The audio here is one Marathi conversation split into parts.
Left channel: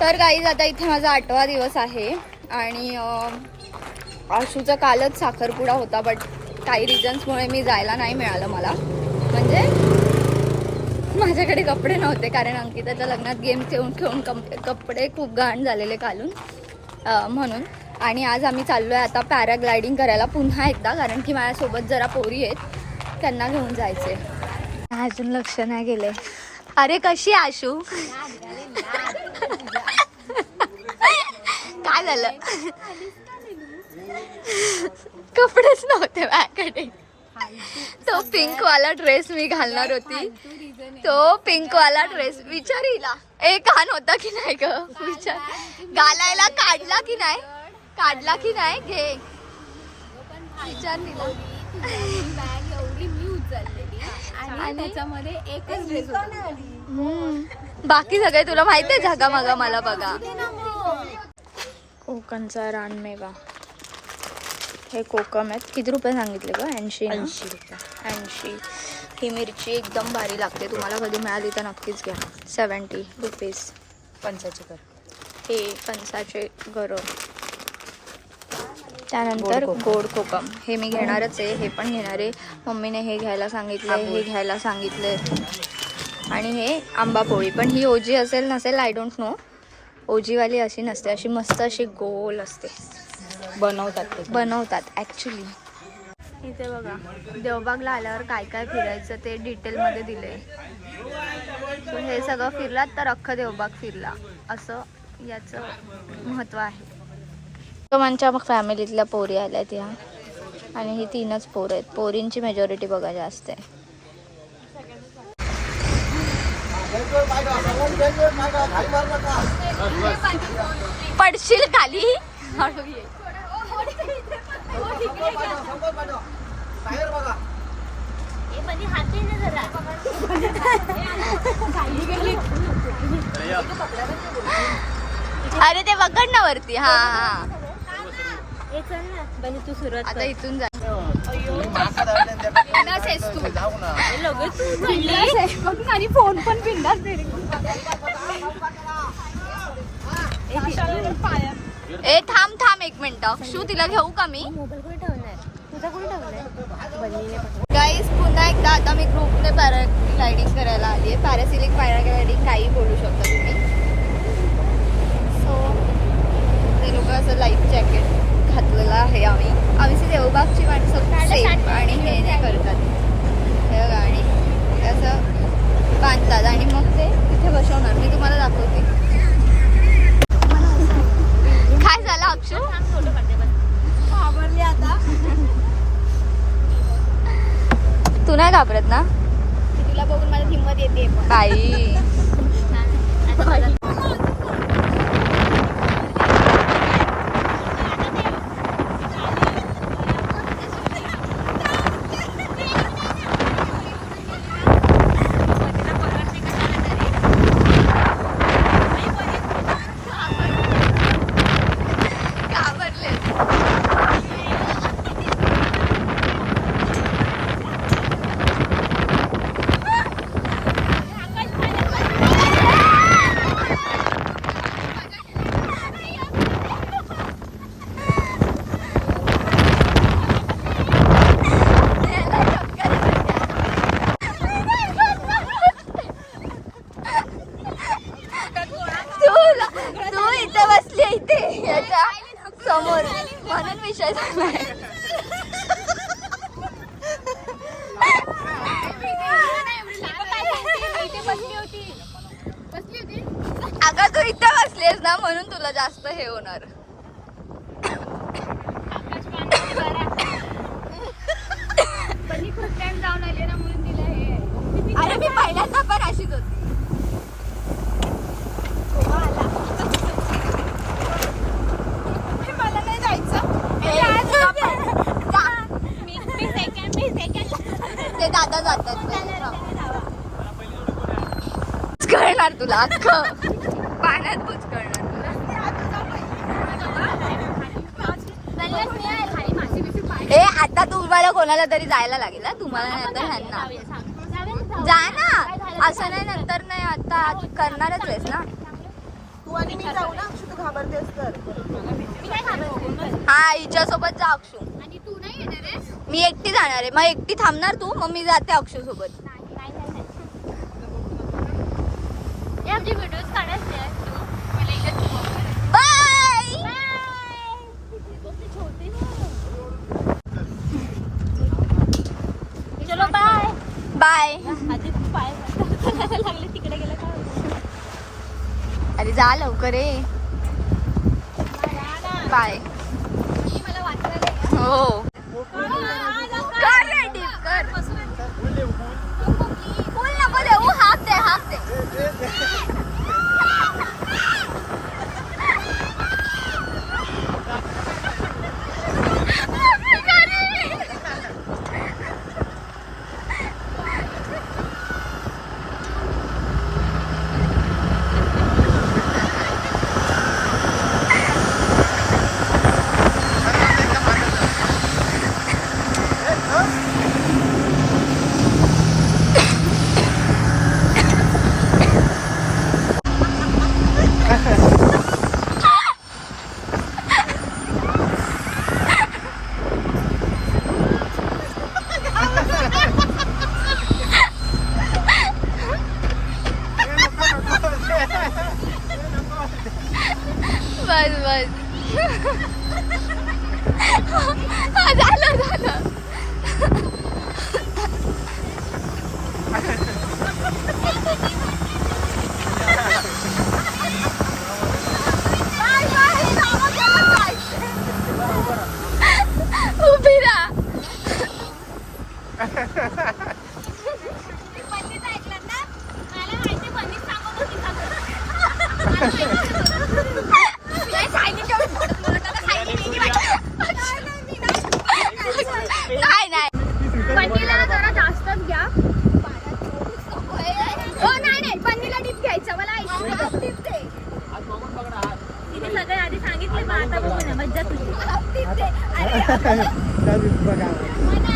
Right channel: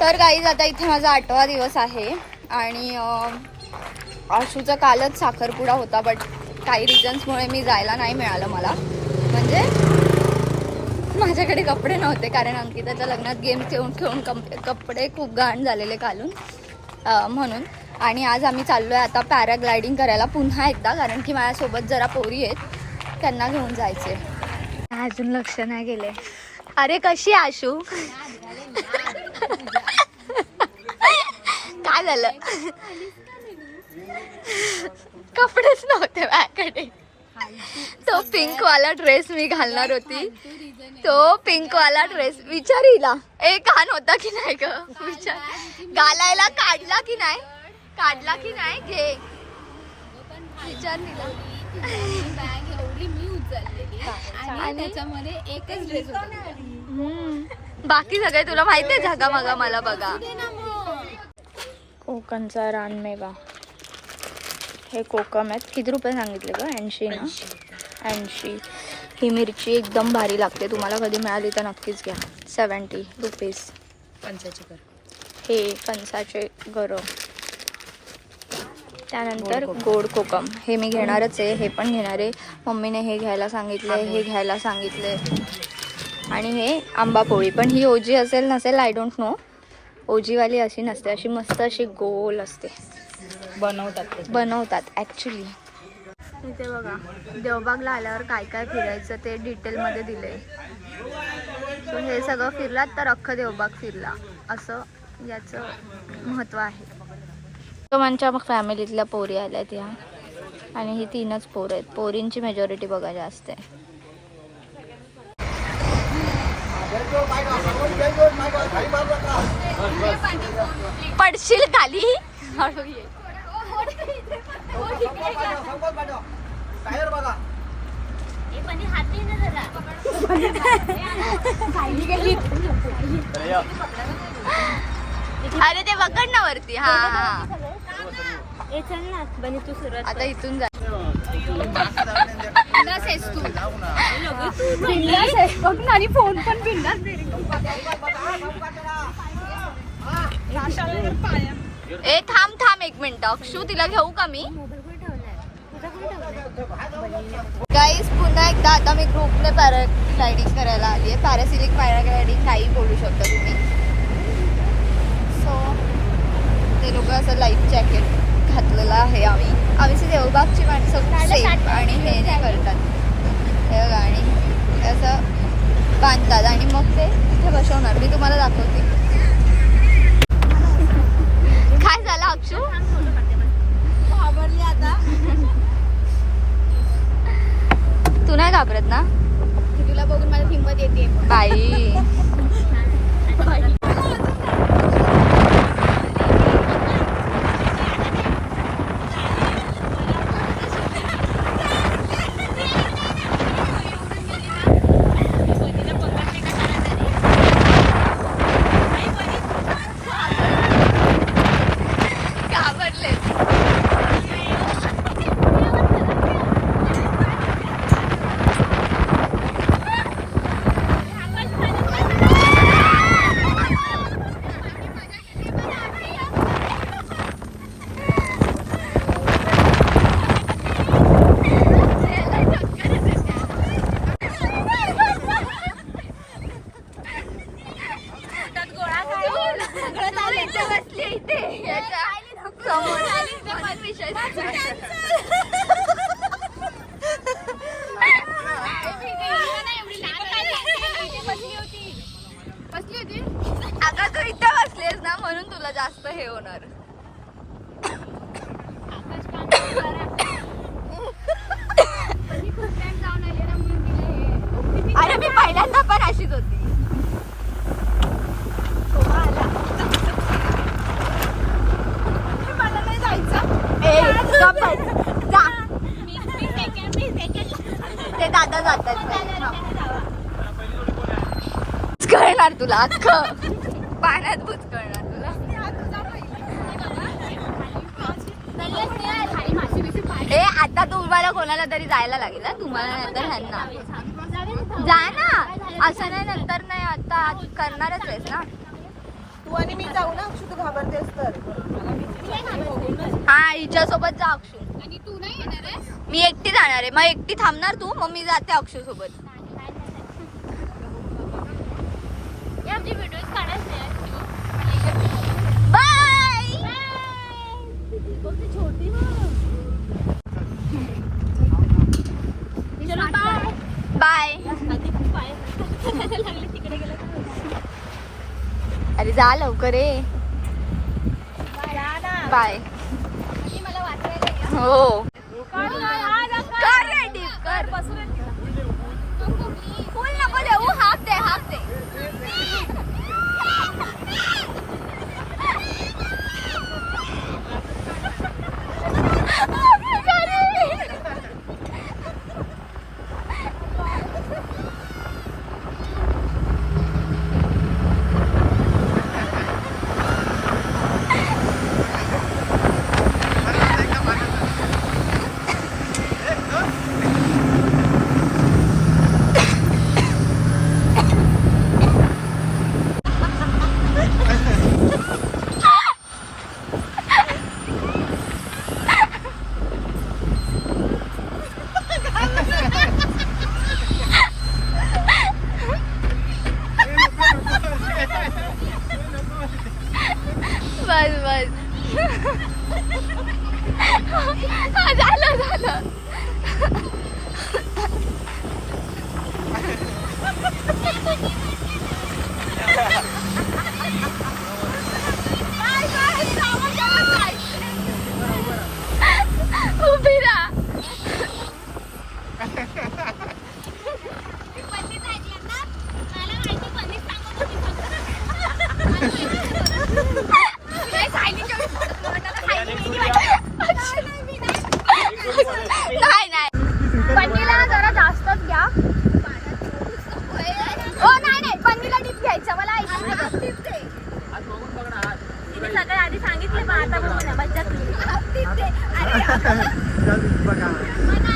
तर गाईज आता इथे माझा आठवा दिवस आहे आणि आशूचा कालच साखरपुडा होता बट काही रिझन्समुळे मी जायला नाही मिळालं मला. म्हणजे माझ्याकडे कपडे नव्हते कारण अंकिताच्या लग्नात गेम खेळून खेळून कप कपडे खूप घाण झालेले घालून म्हणून. आणि आज आम्ही चाललो आहे आता पॅराग्लायडिंग करायला पुन्हा एकदा कारण की माझ्यासोबत जरा पोरी आहेत त्यांना घेऊन जायचे अजून लक्ष नाही गेले अरे कशी आशू? काय झालं? कपडेच नव्हते माझ्याकडे. तो पिंक वाला ड्रेस मी घालणार होती. तो पिंक वाला ड्रेस विचार हिला. ए कान होता की नाही ग? विचार. घालायला काढला की नाही? काढला की नाही? घे. विचार हिला. बॅग एवढी मी उचललेली. आणि? त्याच्यामध्ये एकच ड्रेस होता. बाकी सगळे तुला माहितीये जागा मागा मला बघा. कोकणचा रानमेवा. हे कोकम आहेत. किती रुपये सांगितले ग? ऐंशी ना? ऐंशी ही मिरची एकदम भारी लागते. तुम्हाला कधी मिळाली तर नक्कीच घ्या. सेवन्टी रुपीज हे फणसाचे गरम. त्यानंतर गोड कोकम. हे मी घेणारच आहे. हे पण घेणार. आहे मम्मीने हे घ्यायला सांगितले हे घ्यायला सांगितले. आणि हे आंबा पोळी. पण ही ओजी असेल नसेल आय डोंट नो ओजीवाली अशी नसते अशी मस्त अशी गोल असते. बनवतात बनवतात ॲक्च्युली इथे बघा देवबागला आल्यावर काय काय फिरायचं ते डिटेलमध्ये दिले सो हे सगळं फिरलात तर अख्खं देवबाग फिरला. असं याचं महत्त्व आहे. आमच्या मग फॅमिलीतल्या पोरी आल्यात ह्या आणि ही तीनच पोरं आहेत. पोरींची मेजॉरिटी बघा जास्त आहे. पडशील खाली. अरे ते बघ ना वरती. हा हा आता इथून जा. तू. बिंदास आणि फोन पण बिंदास ए थांब थांब एक मिनिट. अक्षू तिला घेऊ का मी? गाईज पुन्हा एकदा आता मी ग्रुपने पॅराग्लायडिंग करायला आली आहे. पॅरासिलिक पॅराग्लायडिंग काही बोलू शकता तुम्ही. सो ते लोक असं लाईफ जॅकेट घातलेलं आहे आम्ही. आम्ही देवबागची माणसं सेफ आणि हे नाही करतात. हे बघा आणि असं बांधतात आणि मग ते तिथे बसवणार. मी तुम्हाला दाखवते काय झालं अक्षू आवडली आता तू नाही घाबरत ना तुला बघून मला हिंमत येते बाई घाबरले तू तू इथे बसली इथे याच्या समोर म्हणून विषय झाला अगं तू इथे बसलीस ना म्हणून तुला जास्त हे होणार अरे मी होती. ते दादा जातात तुला अख्खं. पाण्यात ए आता तुम्हाला कोणाला तरी जायला लागेल तुम्हाला नाही तर ह्यांना. जा ना. असं नाही नंतर नाही आता करणारच आहेस ना? तू आणि मी जाऊ ना अक्षु तू घाबरतेस तर. हा हिच्या सोबत जा अक्षू. आणि तू नाही येणार आहेस? मी एकटी जाणार आहे. मग एकटी थांबणार तू? मग मी जाते अक्षू सोबत आहे. बाय. बाय बाय लागले तिकडे गेलं काय अरे जा लवकर रे बाय हो कर रे dip, कर फुल नको देऊ हाफ दे हाफ दे बस बस हा झालं झालं उभी राहा पल्लीच ऐकलं ना मला माहिती पल्लीच सांगत होती नाही नाही पल्लीला जरा जास्तच घ्या हो नाही नाही पल्लीला टिप घ्यायचं मला ऐकायचं टिप दे तिने सगळं आधी सांगितलं पण आता बघू ना, मज्जाच नाही. टिप दे अरे मना,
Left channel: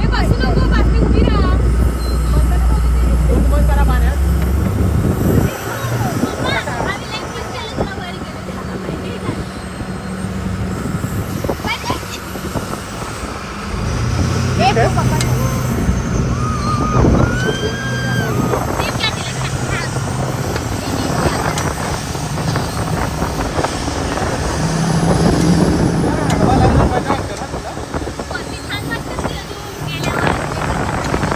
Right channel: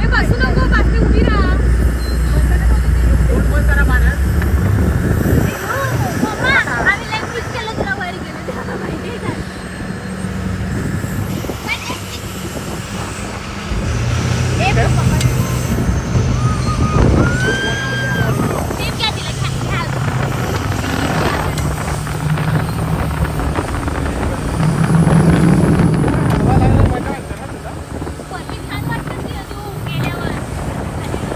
ए, बसू नको पाठी उभी राहा पप्पा, आम्ही left click केलं तुला वर गेलं. माहितीये का? टिप घ्या तिला, घ्या. पल्ली छान वाटते तुला तू गेल्यावर.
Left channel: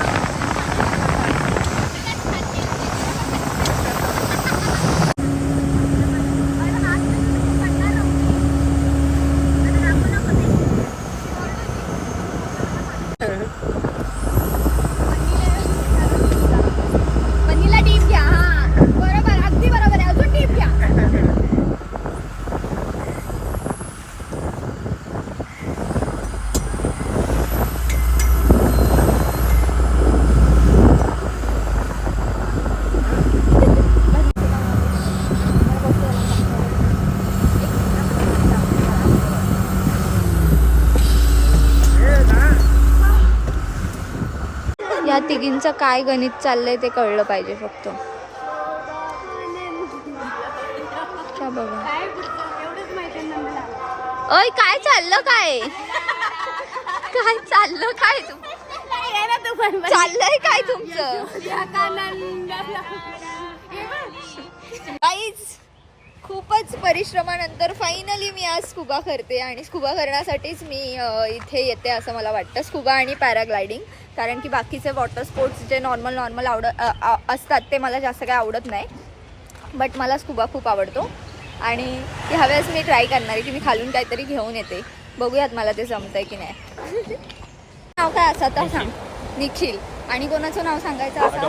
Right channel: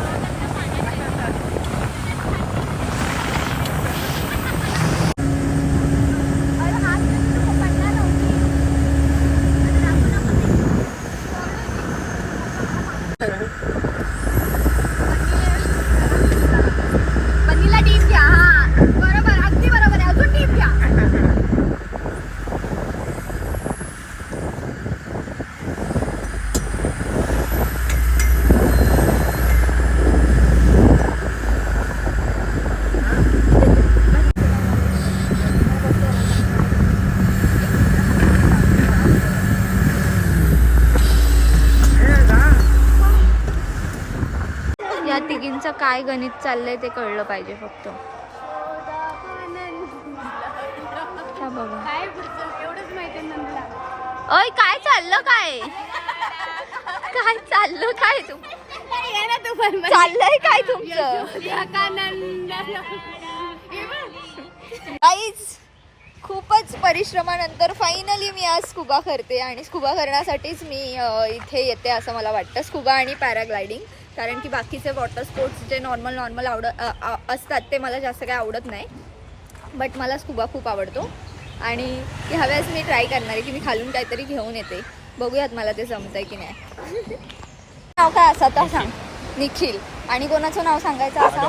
पनीला टीप घ्या हा बरोबर अगदी बरोबर आहे अजून टीप घ्या तिघींचं काय गणित चाललंय ते कळलं पाहिजे फक्त. क्या बघा अय काय चाललं काय? काय चाललं काय तुम चाललंय काय तुमचं? काहीच खूपच परिश्रमानंतर फायनली मी आज स्कुबा करते आणि स्कुबा करण्यासाठीच मी अ, इथे येते असं मला वाटतं. स्कुबा आणि पॅराग्लायडिंग. कारण की बाकीचे वॉटर स्पोर्ट्स जे नॉर्मल नॉर्मल आवडत असतात ते मला जास्त काय आवडत नाही. बट मला स्कुबा खूप आवडतो. आणि ह्यावेळेस मी ट्राय करणार आहे की मी खालून काहीतरी घेऊन येते. बघूयात मला ते जमतंय की नाही. नाव काय असं? आता सांग. निखिल. आणि कोणाचं नाव सांगायचं असा?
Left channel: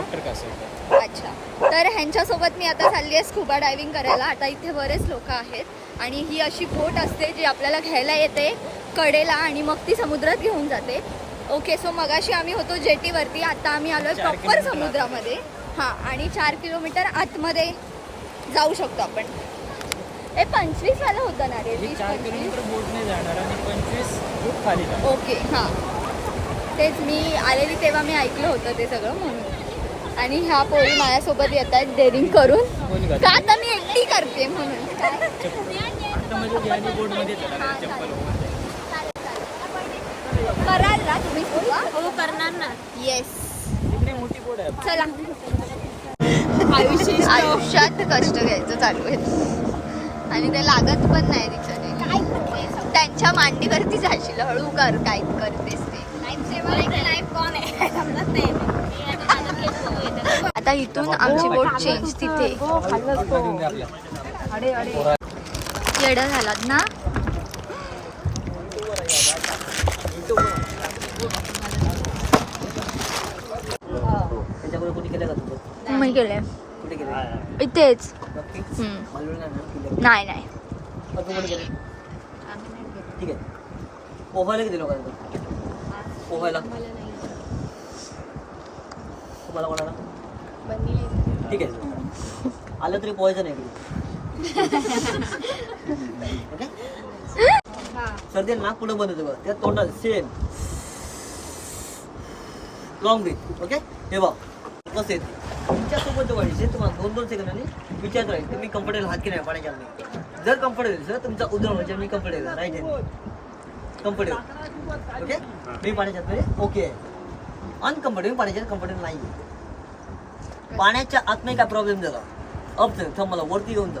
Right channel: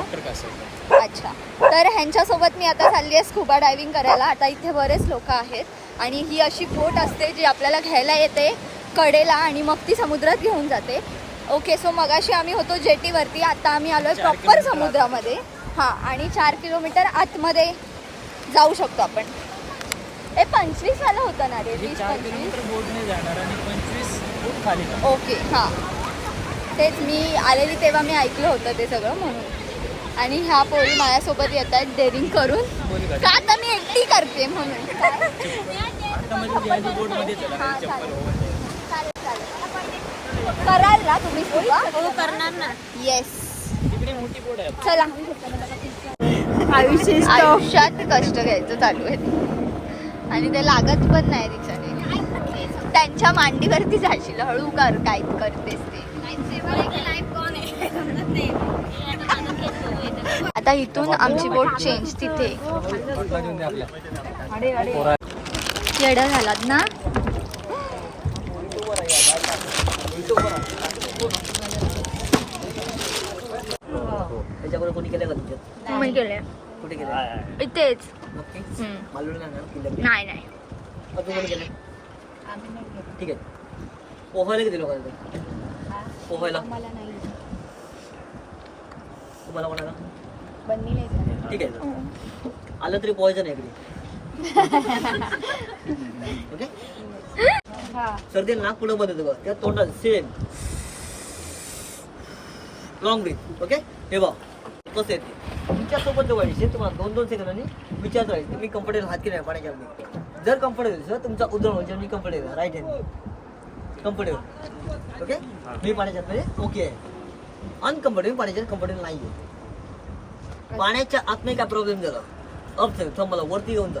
अच्छा. तर ह्यांच्यासोबत मी आता चालली आहे स्कुबा डायव्हिंग करायला. आता इथे बरेच लोक आहेत. आणि ही अशी बोट असते जी आपल्याला घ्यायला येते. कडेला आणि मग ती समुद्रात घेऊन जाते. ओके सो मगाशी आम्ही होतो जेटीवरती. आता आम्ही आलोय प्रॉपर समुद्रामध्ये. हां आणि चार किलोमीटर आतमध्ये जाऊ शकतो आपण. ए पंचवीस वाला होतं ना रे? वीस पंचवीस? ओके हां. तेच मी आलेली तेव्हा मी ऐकलं होतं ते सगळं म्हणून. आणि ह्या पोरी माझ्यासोबत येत आहेत डेअरिंग करून. का आता मी एकटी करते म्हणून? काय आता मध्ये गॅली बोर्डमध्ये चला चप्पल ओव्हर कराल ना तुम्ही हो? करणार ना. येस तिकडे मोठी बोर्ड आहे चला. आयुष्य आयुष्यात कष्ट घ्यायचं चालू आहे. आणि ते लागत पण नाही तिच्याने. त्यांच्या मांडीवरती जाशील हळू कर काय करतेस ते. आता इथून आमची बोट चेंज तिथे. येडा झालात ना? त्याच्याकडे कोणी केलं का तुमच्या? मी गेले कुठे केलं? इथेच. नक्की? हम्म. मालवण नाही ना? नाही नाही. अजून कोणी केलं? ठीक आहे. पोहायला किती लोकांना पोहायला? तुम्हाला कोणाला? ठीक आहे. आलं तरी पोहायचं नाही ओके? सर्दी नाक पुढं बंद येतं बघ. त्या तोंडात सेम लॉंग ब्रीथ ओके? हे बघ. कसं येते तुमच्यासोबत जवळ तुम्हाला दोन दोन सेकंदांनी विचारत राहील तुम्ही कम्फर्टेबल हात की नाही पाण्याच्या आत जर कम्फर्टेबल सर तुमचा उद्गम म्हणजे मी comfortable right hand comfortable okay मी पाण्याच्या आतमध्ये ओके आहे. अनकम्फर्टेबल पाण्याच्या कम्फर्टेबल नाही आहे पाण्याच्या आतमध्ये काय प्रॉब्लेम झाला अप झालं थांब मला वरती येऊन जा.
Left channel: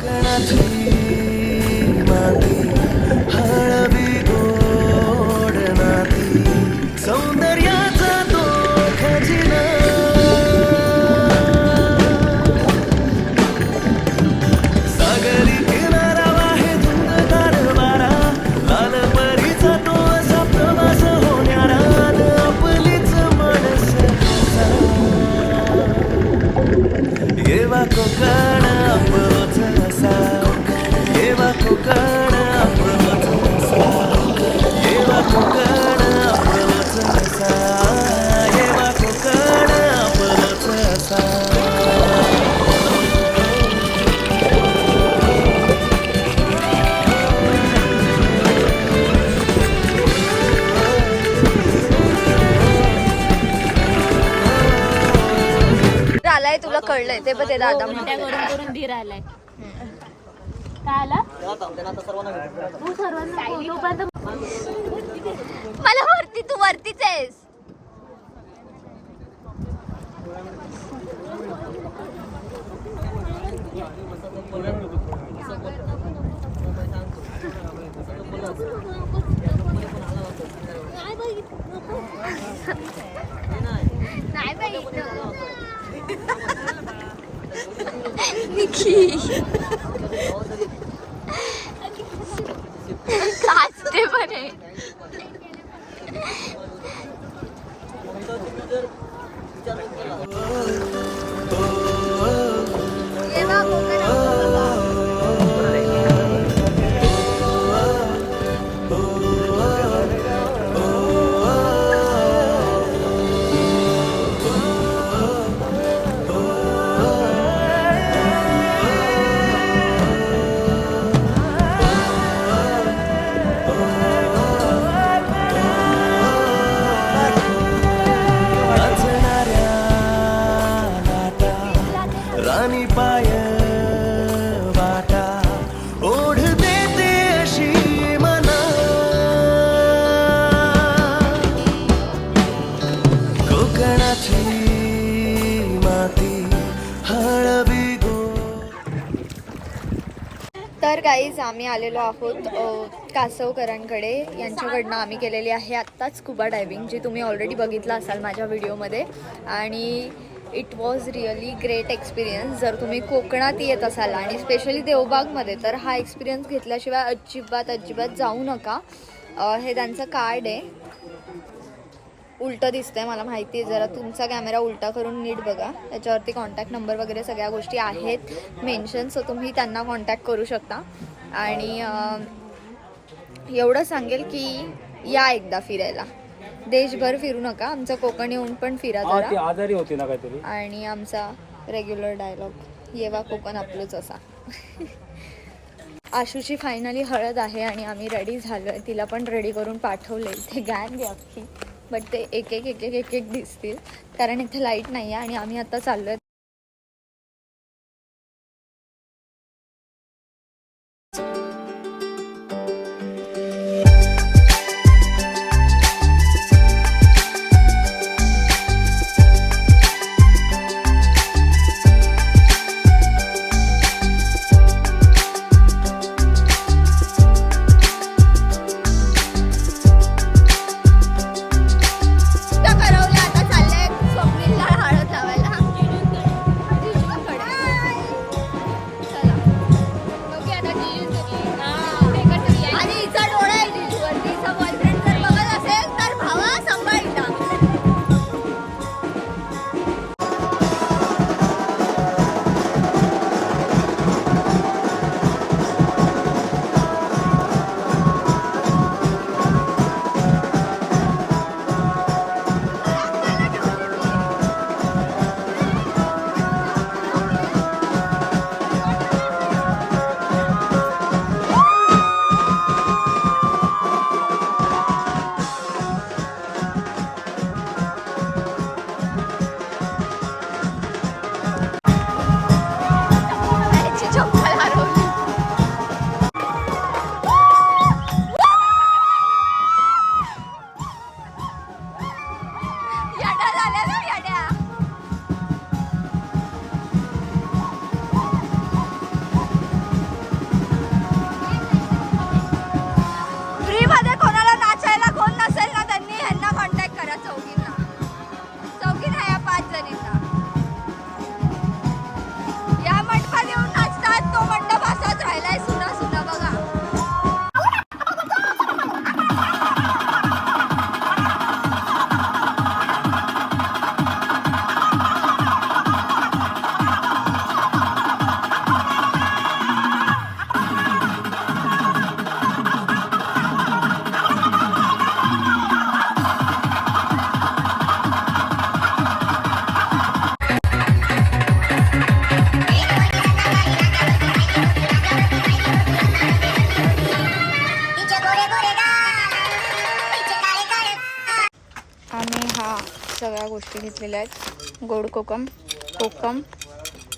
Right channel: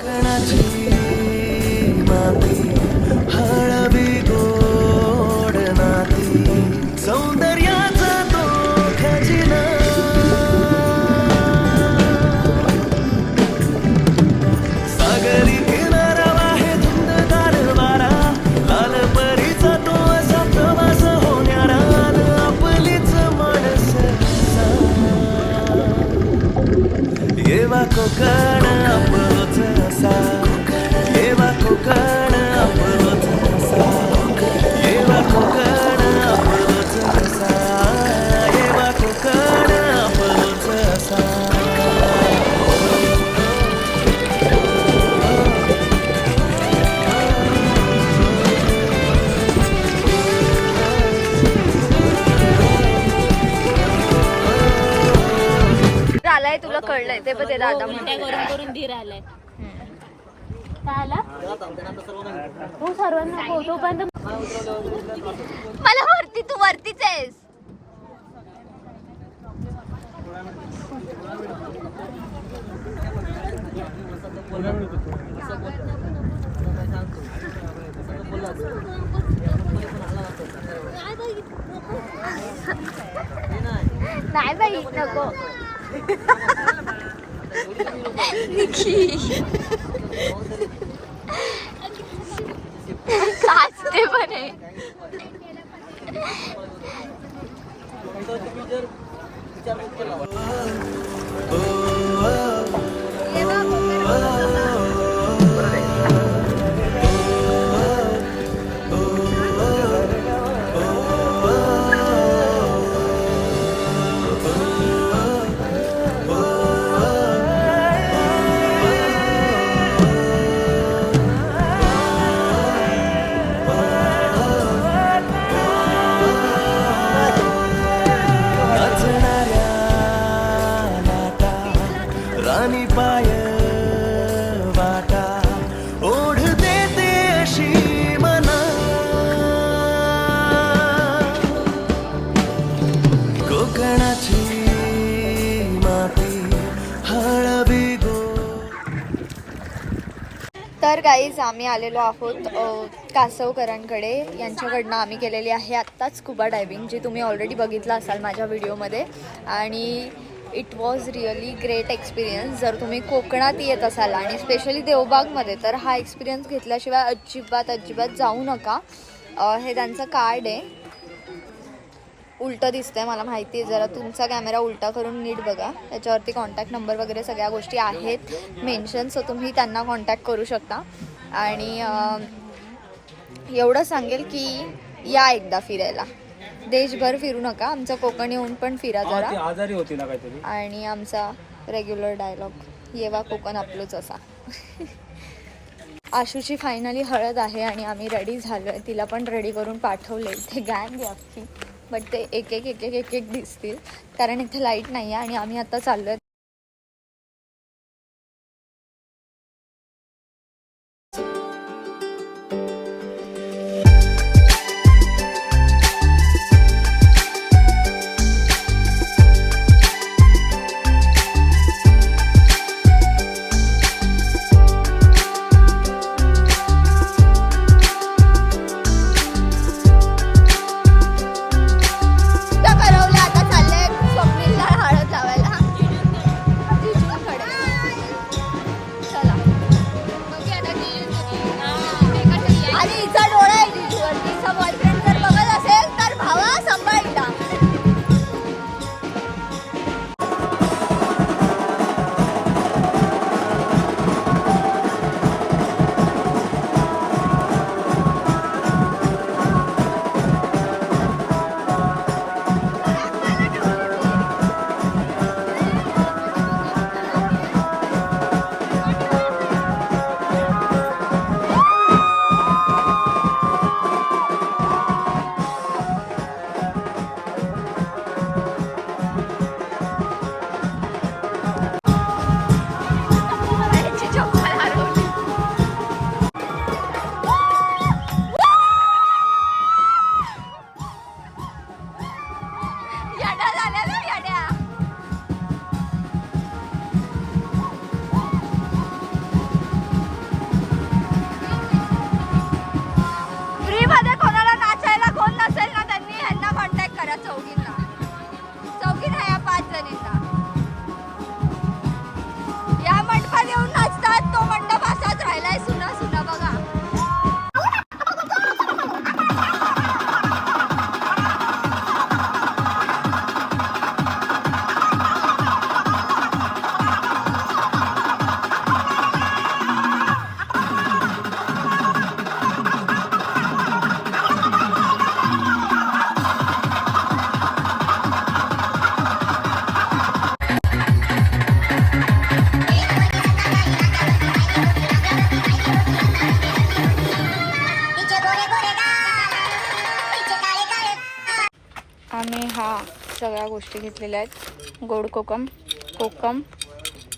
કણા છે માતી कळलंय ते पण ते दादा मोठ्या म्हणते. करून करून धीर आलाय. काय आला? हो सर्वांना फोटो पण मला वरती तू वरतीच आहेस. नाही बाई निकी. काचते पण आहे नाचणाऱ्या गाईज आम्ही आलेलो आहोत कासवकरांकडे. यांच्याकडनं आम्ही केलेली आहे आत्ताच स्कुबा डायविंग जी तुम्ही ऑलरेडी बघितलं असाल माझ्या व्हिडिओमध्ये आणि it was really great experience जर तुम्ही कोकणात येत असाल आणि स्पेशली देवबागमध्ये तर हा एक्सपिरियन्स घेतल्याशिवाय अजिबात अजिबात जाऊ नका. हे त्यांचं कार्ड आहे. उलटं दिसतंय मला माहिती आहे. जरा तुमचा कॅमेरा उलटा करून नीट बघा. त्याच्यावरती कॉन्टॅक्ट नंबर वगैरे सगळ्या गोष्टी आहेत. मेन्शन सो तुम्ही त्यांना कॉन्टॅक्ट करू शकता. आणि एवढं सांगेल की या एकदा फिरायला. देशभर फिरू नका आमचं कोकण येऊन पण फिरा जरा. आजारी होती ना काहीतरी. आणि आमचा रेग्युलर डायलॉग येवा कोकण आपलंच असा. आशूची फायनली हळद आहे आणि आम्ही रेडी झालो आहे तिला पण रेडी करून पाठवले. ते गँग आहे अख्खी. बट ते एक एक एक एक एक एक दिसतील. कारण इथे लाइट नाही आहे आणि आम्ही आता चाललो आहे सगळ्या गोष्टी घेतलेल्या आहेत. गोड कोकम कोकम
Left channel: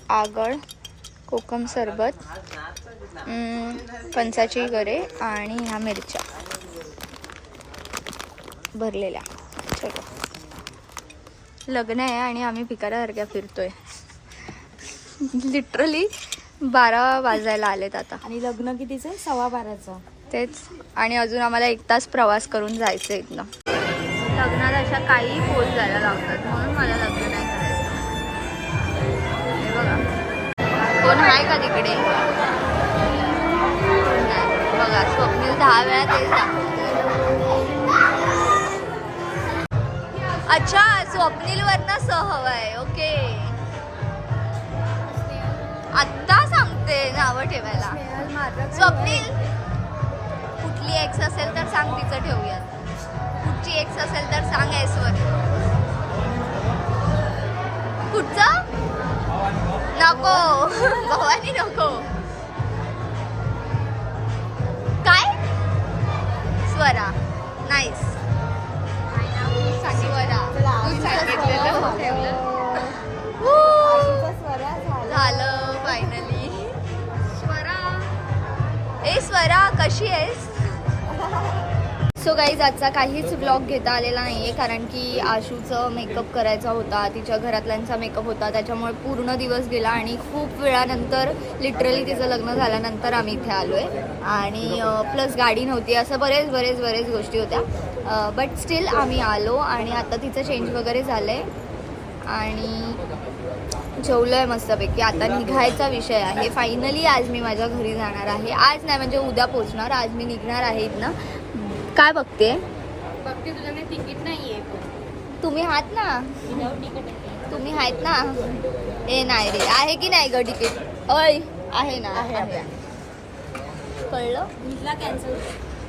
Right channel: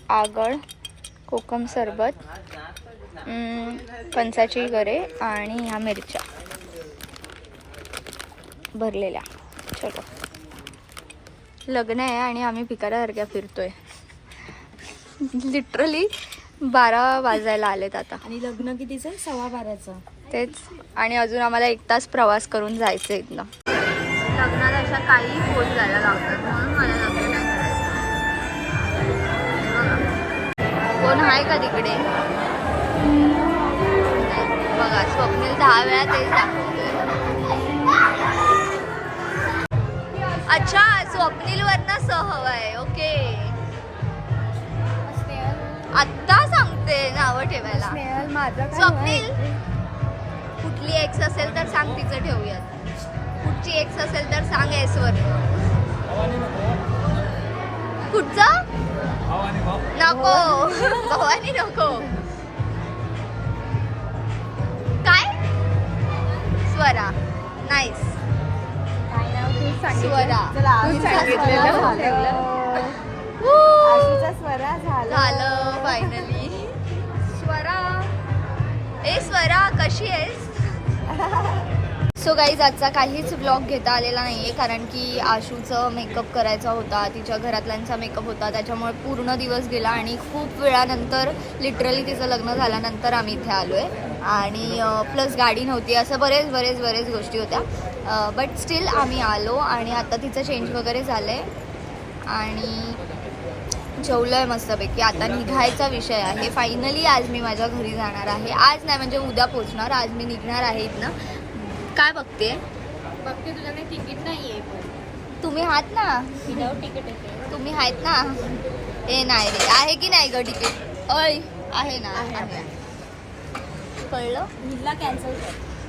आगळ कोकम सरबत फणसाची गरे आणि ह्या मिरच्या भरलेल्या. चलो. लग्न आहे आणि आम्ही भिकाऱ्यासारख्या फिरतोय. लिटरली बारा वाजायला आलेत आता. आणि लग्न कितीचं? सव्वा बाराचं. तेच. आणि अजून आम्हाला एक तास प्रवास करून जायचं इथनं. अशा काही पोल जायला लावतात. म्हणून मला लग्न नाही करायचं. हे बघा. कोण आहे का तिकडे? नाही. बघा स्वप्नील दहा वेळा तेच दाखवतोय. अच्छा स्वप्नील वरनं स हवाय ओके. आत्ता सांगते नावं ठेवायला. स्वप्नील? कुठली एक्स असेल तर सांग तिचं ठेवूयात. कुठची एक्स असेल तर सांग एस वर. कुठचं? नको. भवानी नको. काय? स्वरा. नाईस स्वरा. Woo! झालं. फायनली स्वरा. ए स्वरा कशी आहेस? सो गाईज आजचा काहीच ब्लॉग घेता आलेला नाही आहे कारण की आशूचं मेकअप करायचा होता तिच्या घरातल्यांचा मेकअप होता त्याच्यामुळे पूर्ण दिवस गेला आणि खूप वेळानंतर लिटरली तिचं लग्न झाल्यानंतर आम्ही इथे आलो आहे आणि प्लस गाडी नव्हती असं बरेच बरेच बरेच गोष्टी होत्या. बट स्टील आम्ही आलो आणि आता तिचं चेंज वगैरे झालं आहे आणि जेवलोय मस्तपैकी. आता निघायचा विषय आहे. फायनली आज मी माझ्या घरी जाणार आहे. आज नाही म्हणजे उद्या पोचणार आज मी निघणार आहे इथनं. काय बघते? बघते तुझ्याकडे तिकीट नाहीये पण. तुम्ही आहात ना? तुम्ही आहेत ना? ए नाही रे. आहे की नाही ग तिकीट? अय आहे ना आहे कळलं? हिला कॅन्सल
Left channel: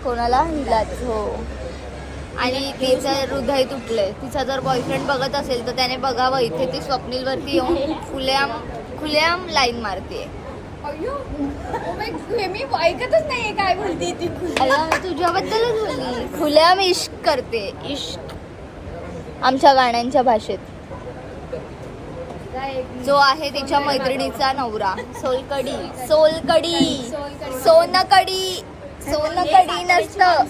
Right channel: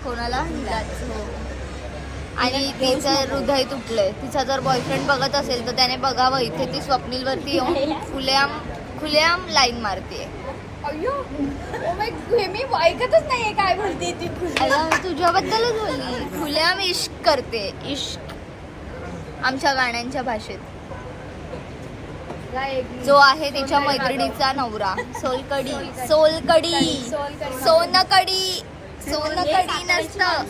कोणाला? हिलाच हो. आणि तिचं हृदय तुटलंय. तिचा जर बॉयफ्रेंड बघत असेल तर त्याने बघावं. इथे ती स्वप्नील वरती येऊन खुलेआम खुलेआम लाईन मारते मी ऐकतच नाहीये काय बोलते ती अगं तुझ्याबद्दलच बोलली. खुलेआम इश्क करते इश्क. आमच्या गाण्यांच्या भाषेत. जो आहे तिच्या मैत्रिणीचा नवरा सोलकडी सोलकडी सोनकडी सोनकडी नसतं.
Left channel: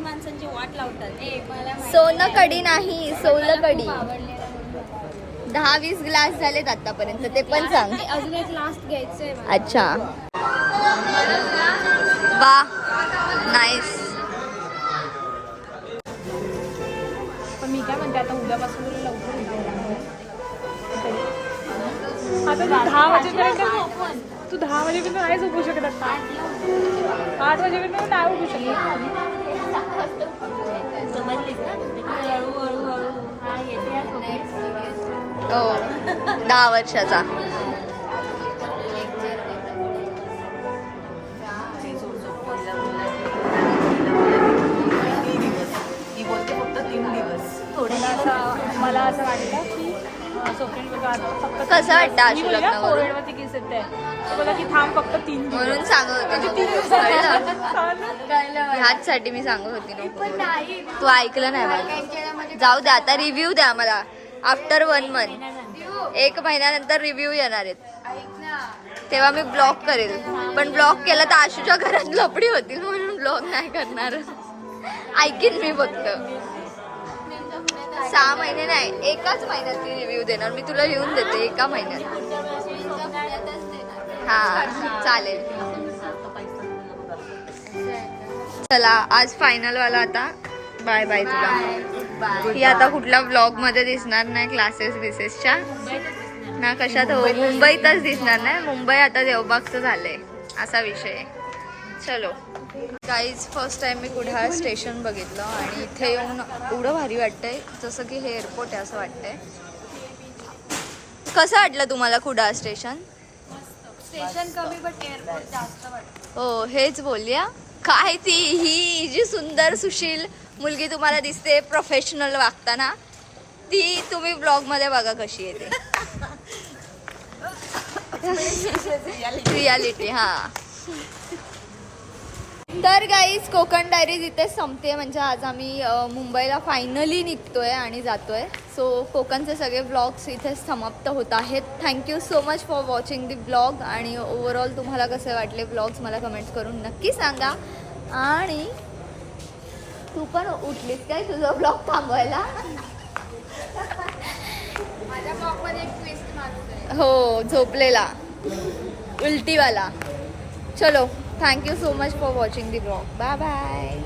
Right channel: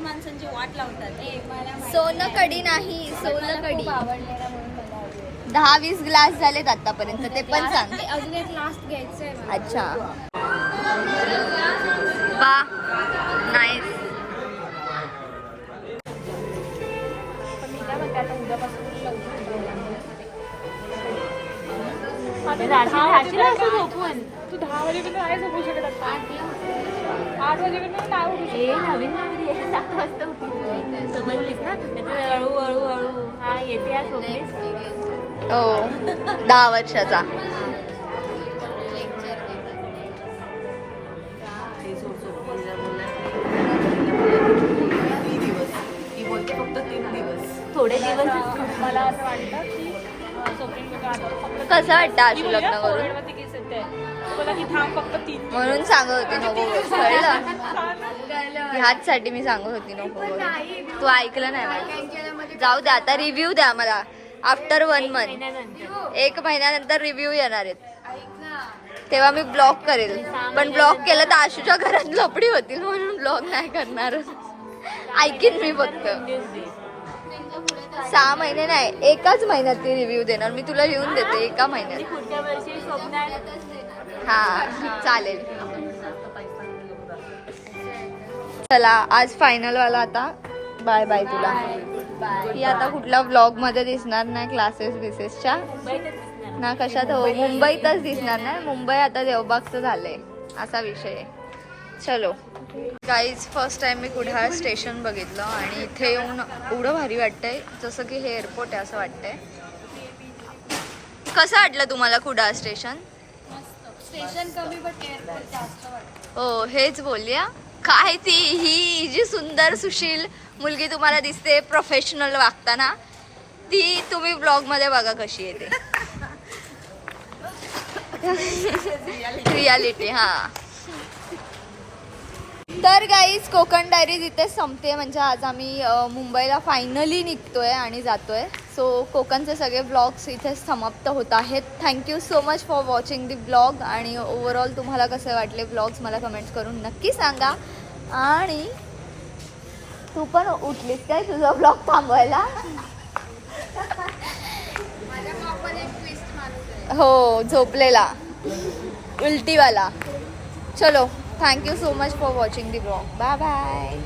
माणसांची वाट लावतात सोनकडी नाही सोलकडी दहा वीस ग्लास झालेत आतापर्यंत ते पण सांग. अजून एक लास्ट घ्यायचंय अच्छा. वा नाईस पण मी काय म्हणते आता उद्यापासून लवकर तू दहा वाजेपर्यंत तू दहा वाजेपर्यंत नाही झोपू शकत. आठ वाजेपर्यंत नाही उठू शकत. समजलीस ना? हळू हळू हळू हा येते. हो दहा वर्षाचा. कसं वाटतं आशू लग्न करून म्हणून सांगत होती नको कळलं? ह्याचसाठी मी सांगत होती नको तू ऐकलं नाही जाऊ द्या आता रिव्ह्यू द्या मला. आफ्टर वन मंथ एक महिन्यानंतर रिव्ह्यू येणार आहेत. तेव्हा मी ब्लॉक करेल. पण ब्लॉक केलं तर आशूच्या घरात लपडी होती म्हणून ब्लॉक नाही करणार. ऐकीन मी फक्त. सहा महिने नाही एकाच महिन्यात तू रिव्ह्यू देणार. मी तुला लिहून देते एका महिन्यात. हा चालेल. चला आज फायनल वाला आता. बाय बाय तुला. ही आता कुठल्या ब्लॉगमध्ये दिसणार नाही क्लासेस बिसेसच्या ना कशात हो मुंबईतच दिसणार नाही. मुंबई आता देवबागचं झालंय असा विषय आहे. चलो. गाईज फर्स्ट टाइम मी कुडाळ स्टेशन बघितलं आणि इथे येऊन एवढं भारी वाटतंय जसं की हे एअरपोर्ट आहे असं वाटतंय. कसं वाटलं तुम्हाला कुडाळ स्टेशन स्टेशन कमी बट एअरपोर्ट जास्त वाटतं हो हेच बोलूया. काय ती ही जी सुंदर सुशील मुलगी तुम्हाला दिसते प्रोफेशनल वागताना ती तुम्ही ब्लॉगमध्ये बघा कशी येते रियालिटी हा. तर गाईज कोकण डायरीज इथे संपते म्हणजे आज आम्ही मुंबईला फायनली निघतोय आणि जातोय. सो कोकणचे सगळे ब्लॉग्स इथे समाप्त होत आहेत. Thank you so much for watching the blog आणि ओव्हरऑल तुम्हाला कसे वाटले ब्लॉग्स मला कमेंट्स करून नक्की सांगा. आणि तू पण उठलीस काय तुझा ब्लॉग थांबवायला? हो झोपलेला. उलटीवाला. चलो. Thank you so much for watching the vlog. Bye bye.